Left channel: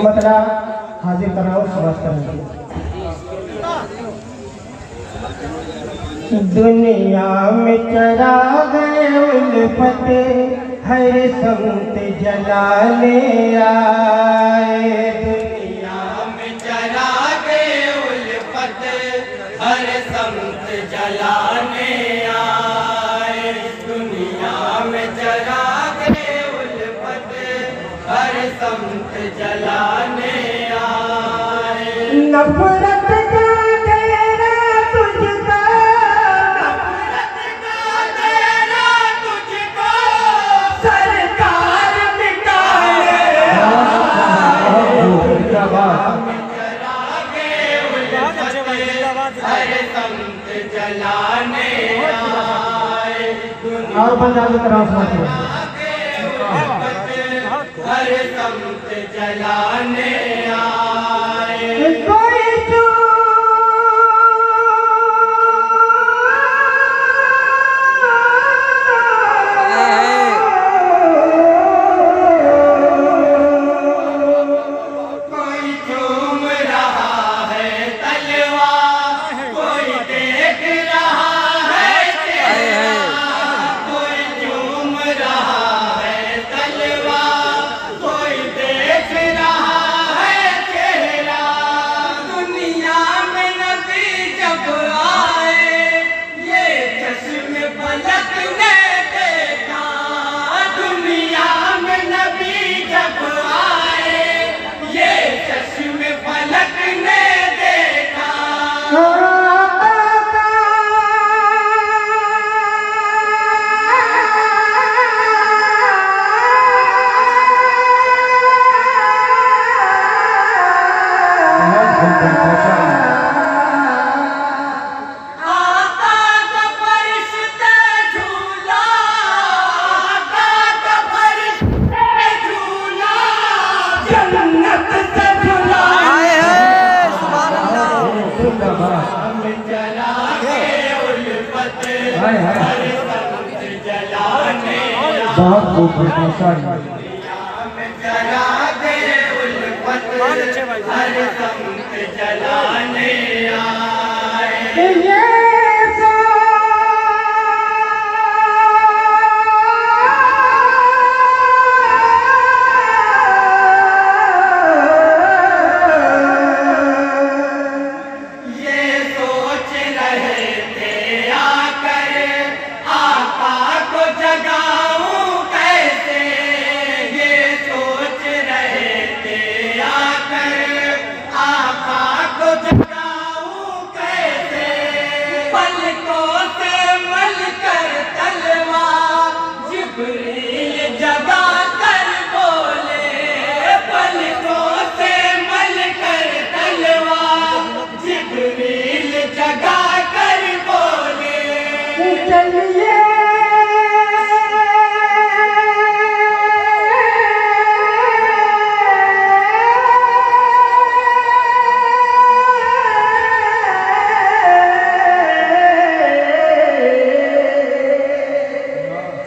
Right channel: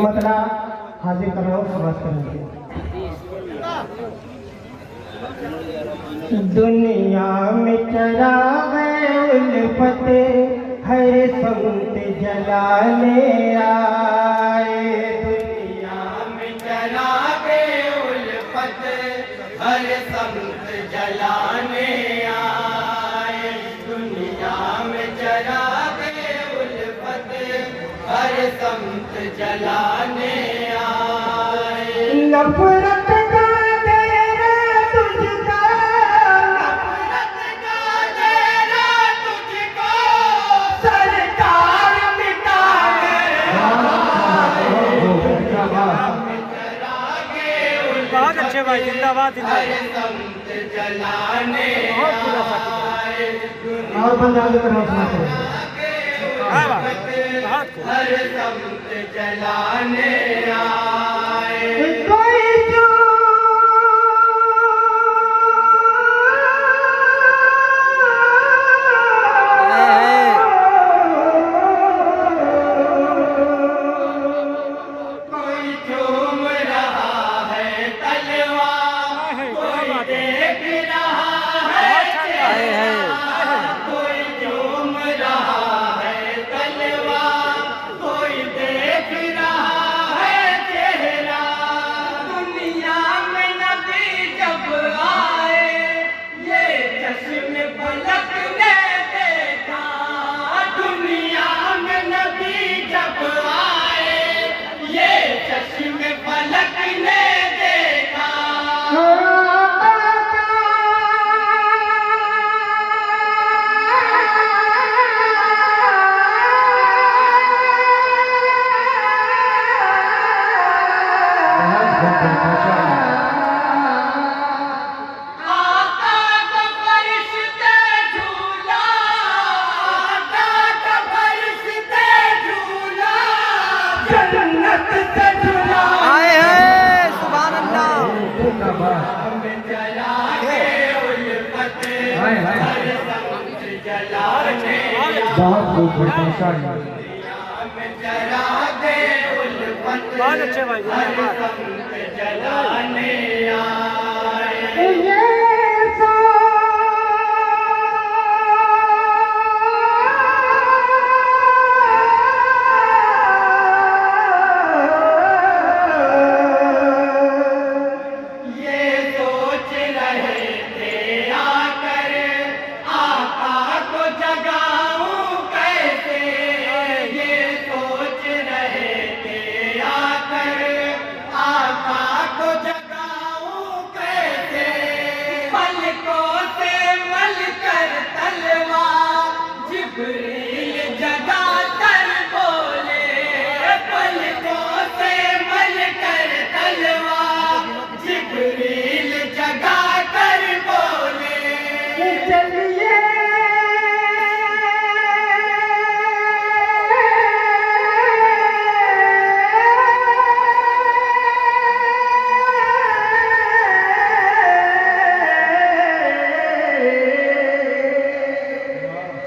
मतलब हाजिर कराओ समाज करेंगे। दुनिया में चराग उल्फत हर संत जलाने आए। दुनिया में चराग उल्फत हर संत जलाने आए। दुनिया में चराग उल्फत हर संत जलाने आए। नफरत का डेरा तुझको, नफरत का डेरा तुझको सरकार मिटाए। हर संत जलाने आए। और पंजाबी तरह हर संत जलाने आए। कोई जो कोई चूम रहा है तलवा, कोई देख रहा है चेहरा। कोई चूम रहा है तलवा, कोई देख रहा है चेहरा। दुनिया में नबी जब आए, ये चश्म फलक ने देखा। दुनिया में नबी जब आए, ये चश्म फलक ने देखा। आका का फरिश्ते झूला, आका का फरिश्ते झूला, जन्नत से झूला। आए हैं सुभान अल्लाह। में जला के उल्फत हर संत जलाने आए। बहुत खूब माशाअल्लाह। में जला दे उल्फत हर संत जलाने आए। ये सोच रहे थे आकर आका को जगाऊं कैसे। ये सोच रहे थे आकर आका को जगाऊं कैसे। पलकों से मल कर तलवा जिब्रील जगा कर बोले। पलकों से मल कर तलवा जिब्रील जगा कर बोले। चलिए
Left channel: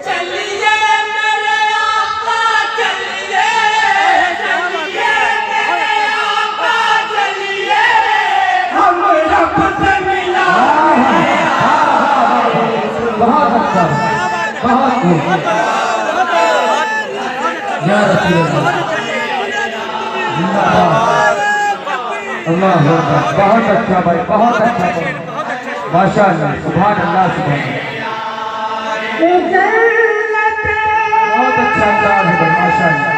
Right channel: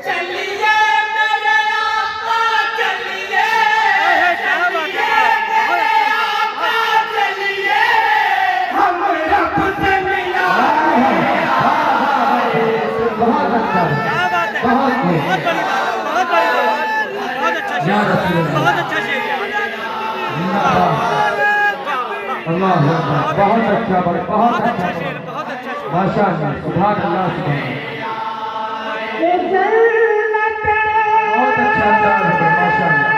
चलिए मेरे आका चलिए, चलिए मेरे आका चलिए, हम रब से मिला। बहुत अच्छा, बहुत खूब। या रसूल अल्लाह, जिंदाबाद। अल्लाह अकबर। बहुत अच्छा भाई, बहुत अच्छा भाई, माशाअल्लाह, सुभान अल्लाह, सुभान अल्लाह। बहुत अच्छा अंदाज है भाई, माशाअल्लाह।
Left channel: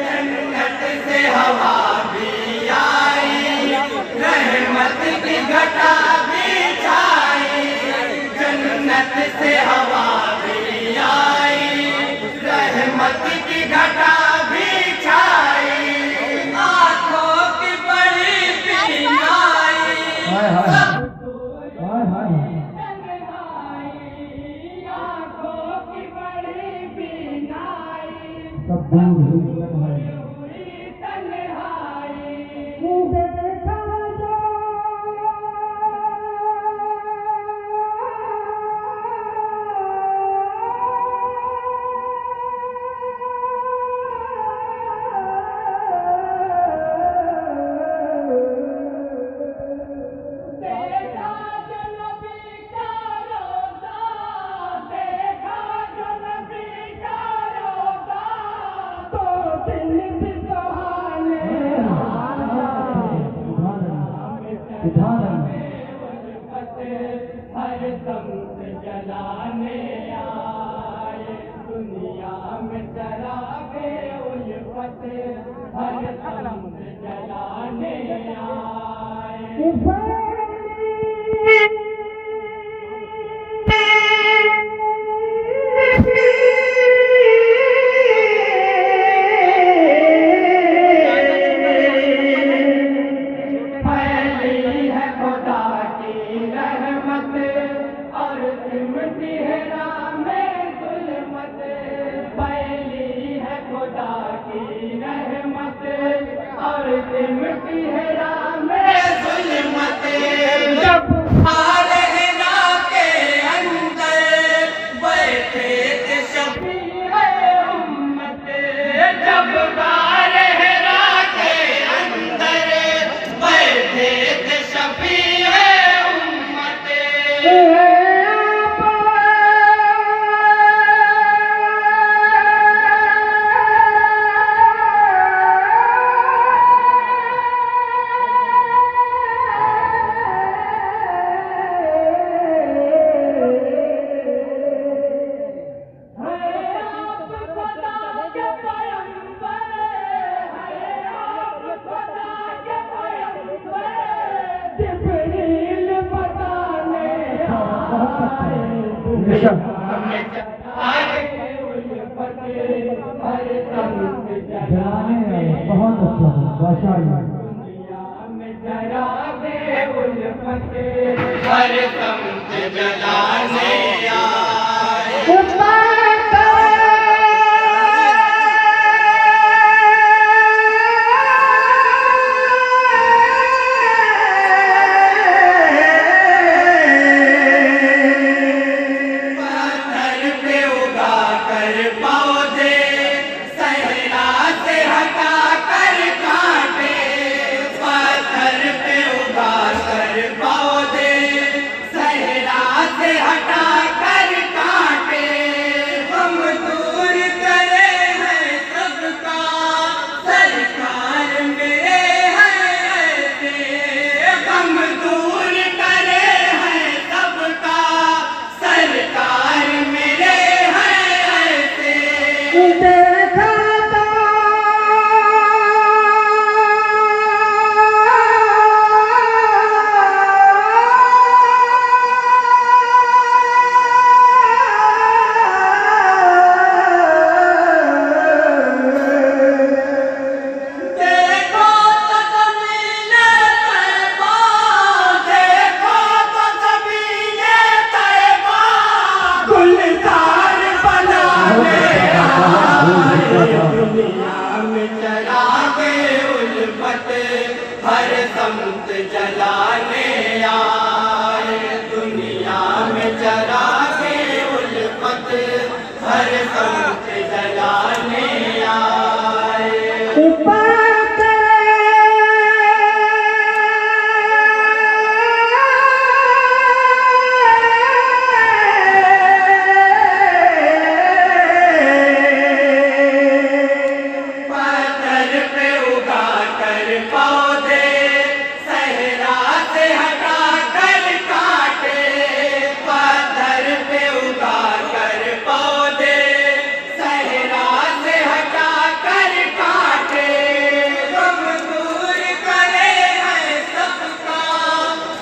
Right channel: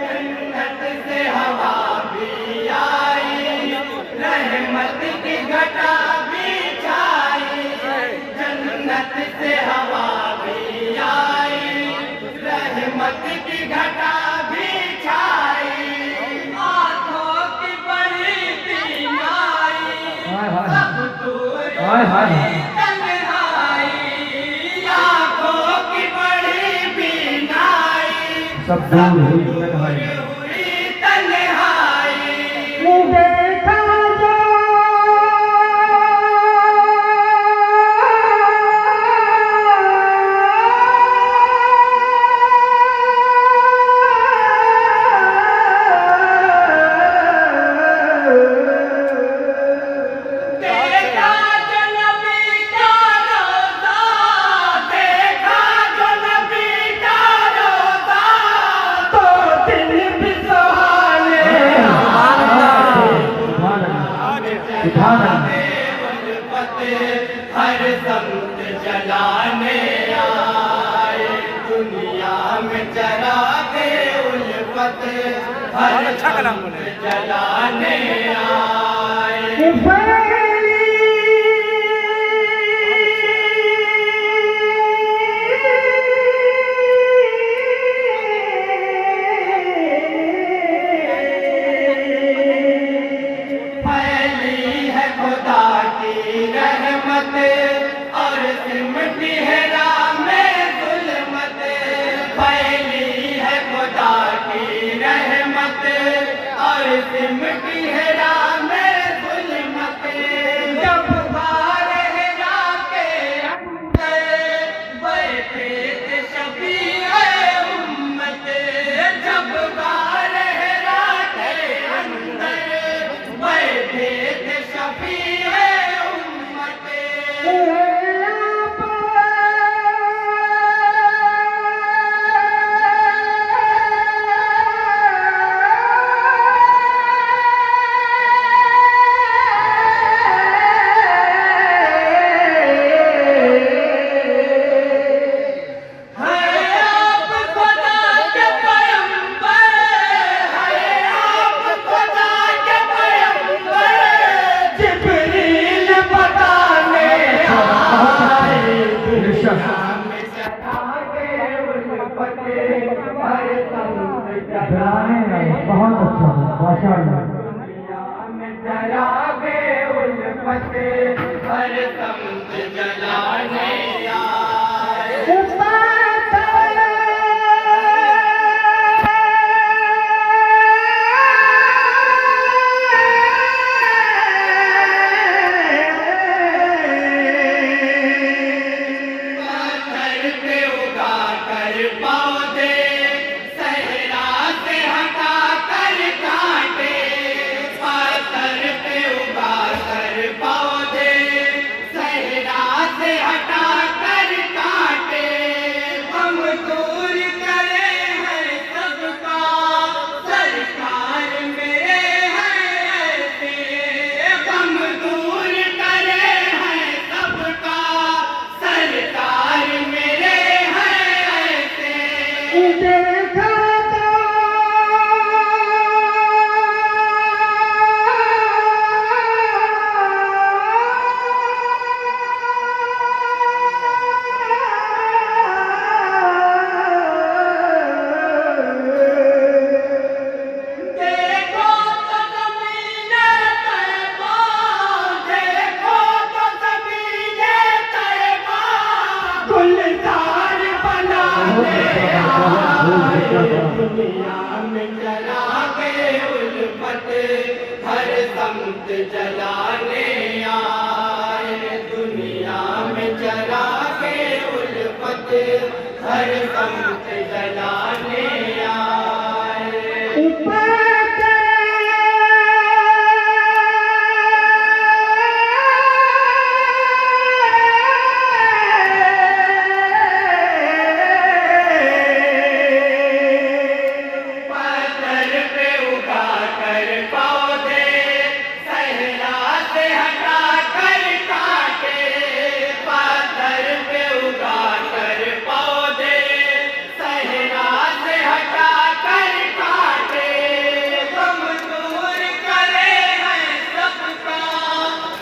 जन्नत से हवा भी आई, रहमत की घटा भी छाई। जन्नत से हवा भी आई, रहमत की घटा भी छाई। आँखों की बड़ी बीमारी सब दूर हुई तन्हाई। हुई तन्हाई। देखा देखा जो नबी का रोज़ा, देखा जो नबी का रोज़ा, तो दिल भी सुहाने सुभान अल्लाह, सुभान अल्लाह। हर समत जलाने आए, दुनिया में चरागे उल्फत हर समत जलाने आए। फैली है खुदा की रहमत और सिमटी है राह में जुल्मत। फैली है खुदा की रहमत और सिमटी है राह में जुल्मत। जब रहरा के अंदर बैठे थे शफीए उम्मत। जब रहरा के अंदर बैठे थे शफीए उम्मत। बहुत अच्छा है, माशाअल्लाह। हर समत जलाने आए। पत्थर पे उगा कर पौधे, सहरा से हटा कर कांटे। पत्थर पे उगा कर पौधे, सहरा से हटा कर कांटे। हम दूर करे हैं सबका, सरकार मेरे हैं ऐसे। हम दूर करे हैं सबका, सरकार मेरे हैं ऐसे। देखा देखो तो ज़मीने तैबा, देखो तो ज़मीने तैबा, गुलजार बनाने दुनिया में चरागे उल्फत हर समत जलाने आए। दुनिया में चरागे उल्फत हर समत जलाने आए। पत्थर पे उगा कर पौधे, सहरा से हटा कर काटे। पत्थर पे उगा कर पौधे, सहरा से हटा कर काटे। हम दूर करे हैं सबका,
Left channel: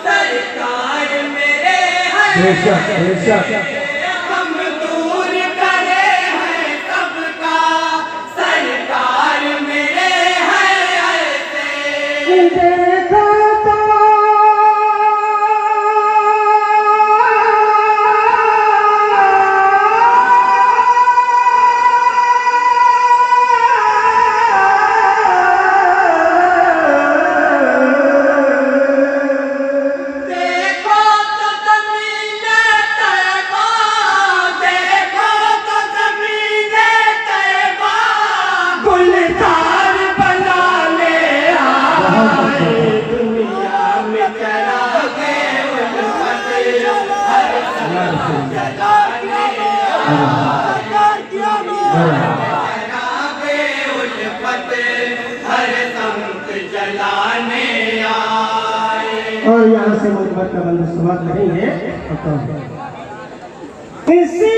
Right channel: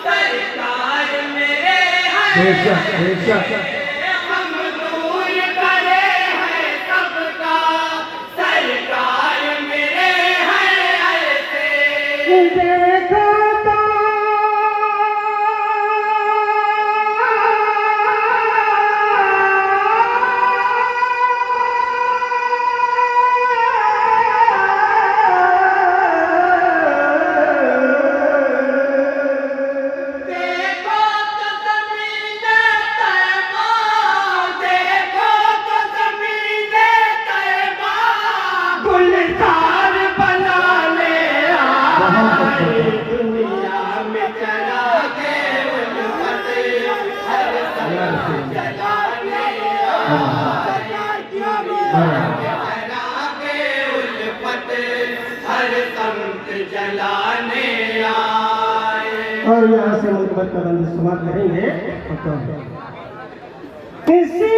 सरकार मेरे हैं। बेशक बेशक। हम दूर करे हैं सबका, सरकार मेरे हैं ऐसे। देखा शराबे उल्फत हर संत जलाने आए। और यहाँ से मुकद्दर का बंद समाप्त करेंगे। किसी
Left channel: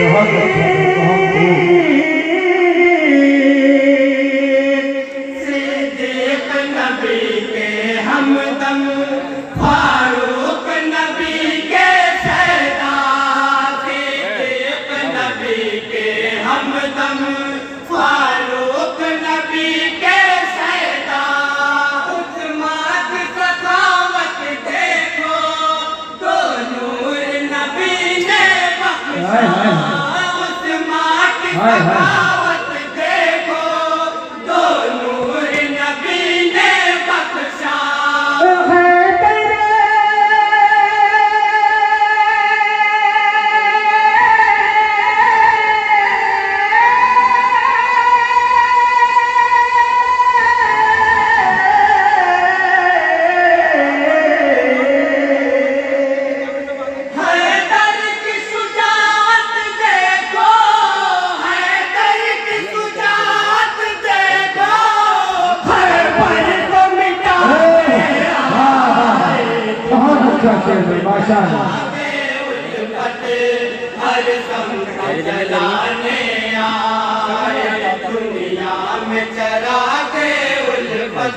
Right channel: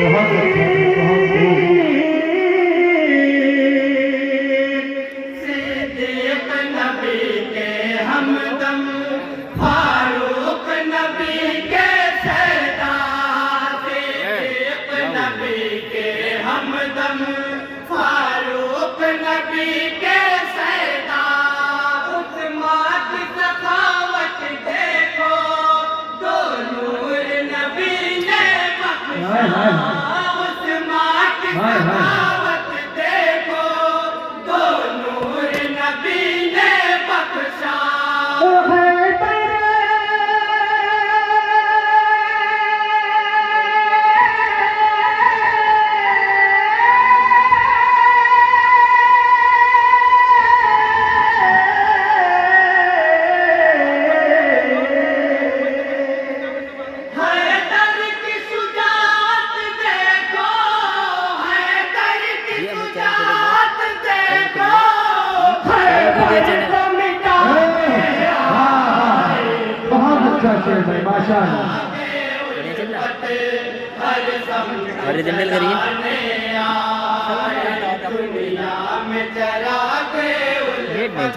बहुत अच्छा, बहुत खूब। सिद्दीक नबी के हमदम, फारूक नबी के सरदार। सिद्दीक नबी के हमदम, फारूक नबी के सरदार। उस्मान की सखावत देखो, दो नूर नबी ने हाय, हाय, बख्शा। हाय। उस्मान की हाय, हाय। सखावत देखो, दो नूर नबी ने बख्शा। हैदर की शुजाअत देखो, हैदर की शुजाअत देखो, खैबर को मिटाने आए। बहुत अच्छा शेर है, माशाअल्लाह। उल्फत हर संत जलाने आए। दुनिया में चरागे उल्फत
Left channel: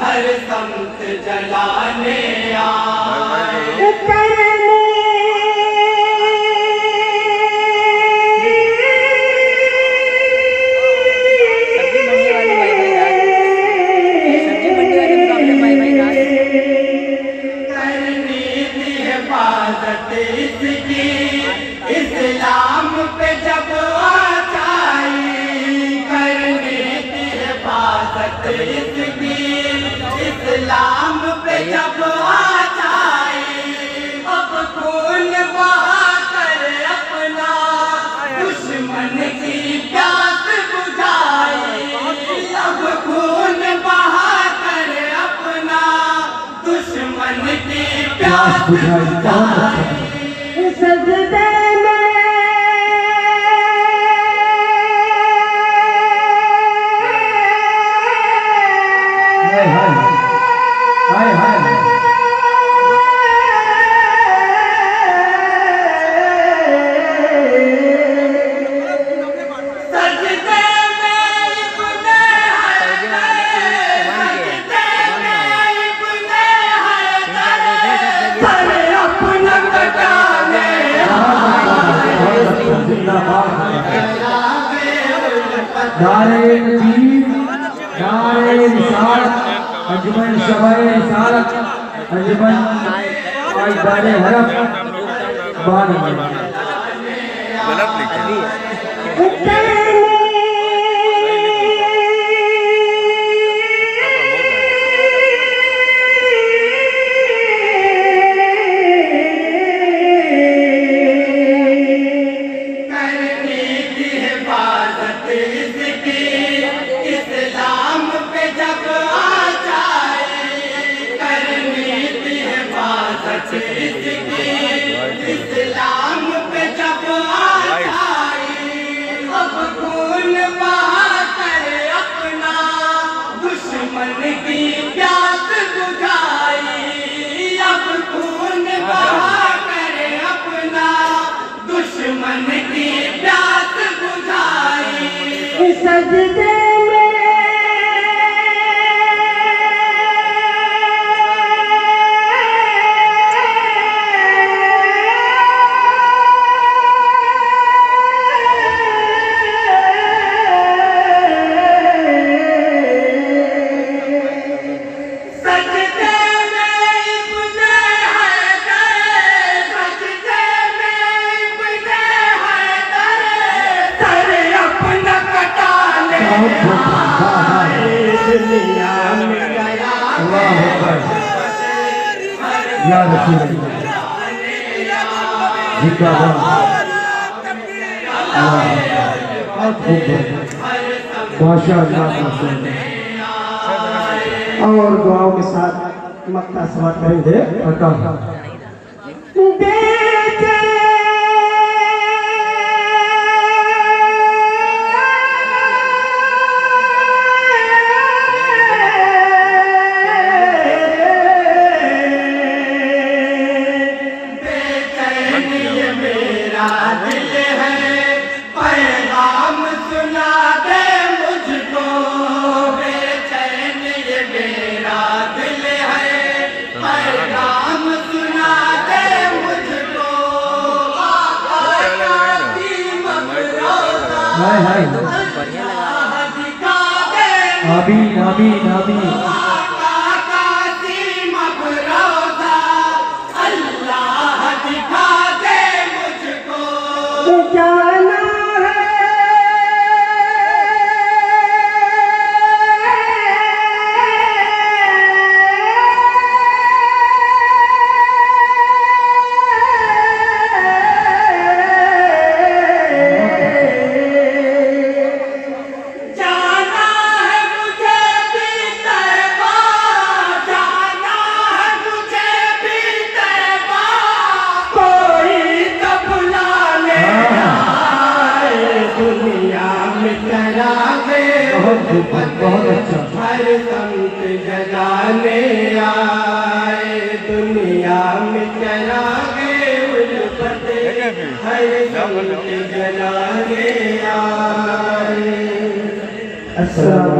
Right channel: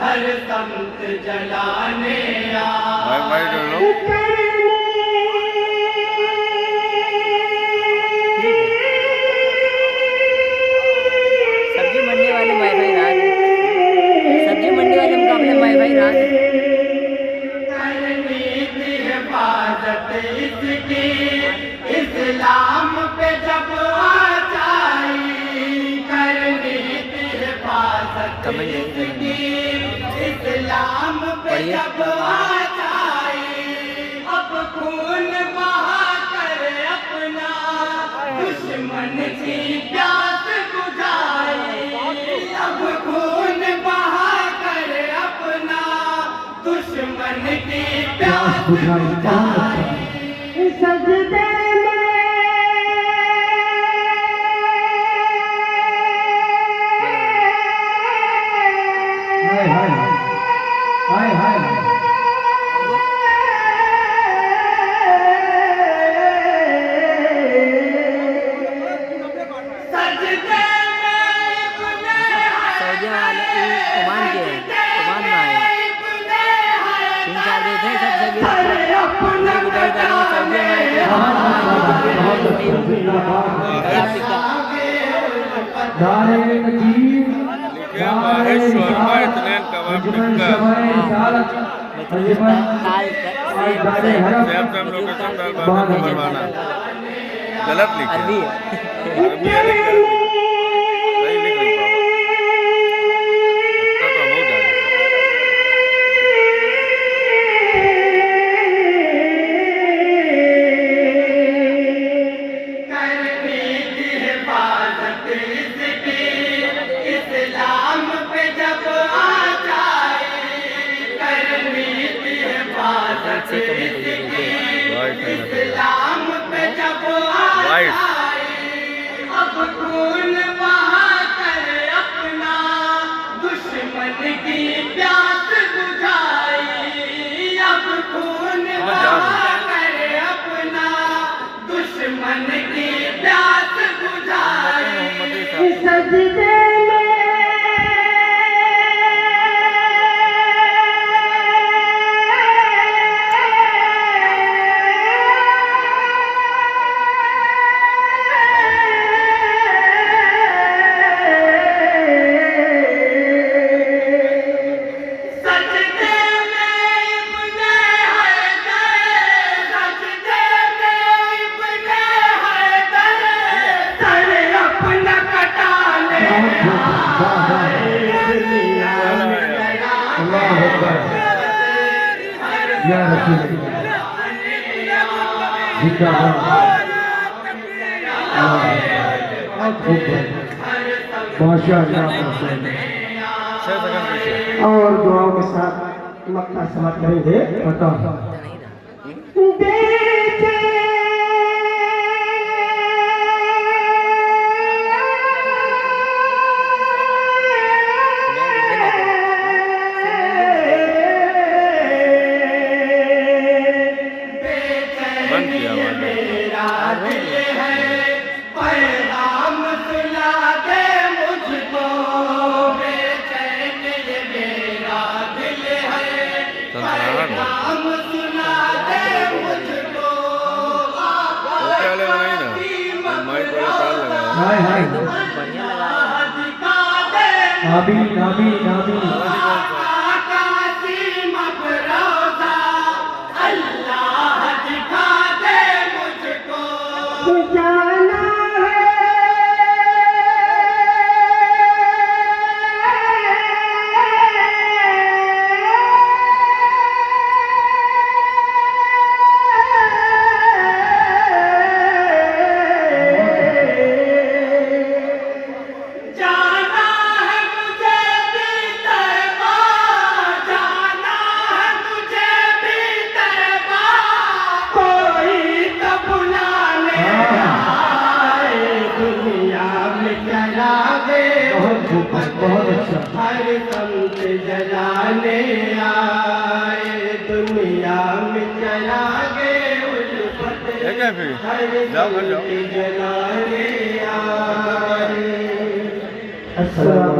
हर संत जलाने आए। सब्जी मंडी वाले भाई भाई राज, सब्जी मंडी वाले मुकाबले भाई भाई राज। करनी थी हिफाजत इसकी, इस्लाम पे जब आचाई। करनी थी हिफाजत इसकी, इस्लाम पे जब आचाई। अब खून बहा कर अपना दुश्मन की प्यास बुझाई। अब खून बहा कर अपना दुश्मन की प्यास बुझाई, बहुत अच्छा। बुझाई। सजदे हाय, हाय, हाय, हाय। सजदे में इब्ने सऊदी वाले ओमान के ओमान वाले इब्ने तीन चार देश हैं सब जगह। सरे अपना कटाने बहुत अच्छा, जिंदाबाद। नारे तकबीर, नारे रिसालत, अंजुमन शबाए रिसालत, अंजुमन दारे हरम। गलत लिखे करनी थी हिफाजत इसकी, इस्लाम पे जब आचाई। करनी थी हिफाजत इसकी, इस्लाम पे जब आचाई। अब खून बहा कर अपना दुश्मन की प्यास बुझाई। अब खून बहा कर अपना दुश्मन की प्यास बुझाई। सजदे सजदे में इब्ने हैदर, सजदे में इब्ने हैदर, सरे अपना कटाने आए। दुनिया में गया अल्लाह अकबर। या रसूल अल्लाह। जिंदाबाद। बहुत खूब, माशाअल्लाह, माशाअल्लाह। और दुआओं के साथ मक्का सवार करेंगे बताओ बेचे मेरा दिल है पैगाम सुना दे मुझको बेचैन ये मेरा दिल है पैगाम सुना दे मुझको हाय हाय तो बढ़िया लगा रहे हैं। दिखा दे आमीन आमीन आमीन कासिम अफरोजा अल्लाह दिखा दे मुझको जाना जाना है मुझे भी तैबा जाना है मुझे भी तैबा कोई तो बुलाने आए दुनिया में चरागे बहुत खूब बहुत अच्छा हर संत जगाने आए दुनिया में चरागे उल्फत हर संत जगाने आए अस्सलाम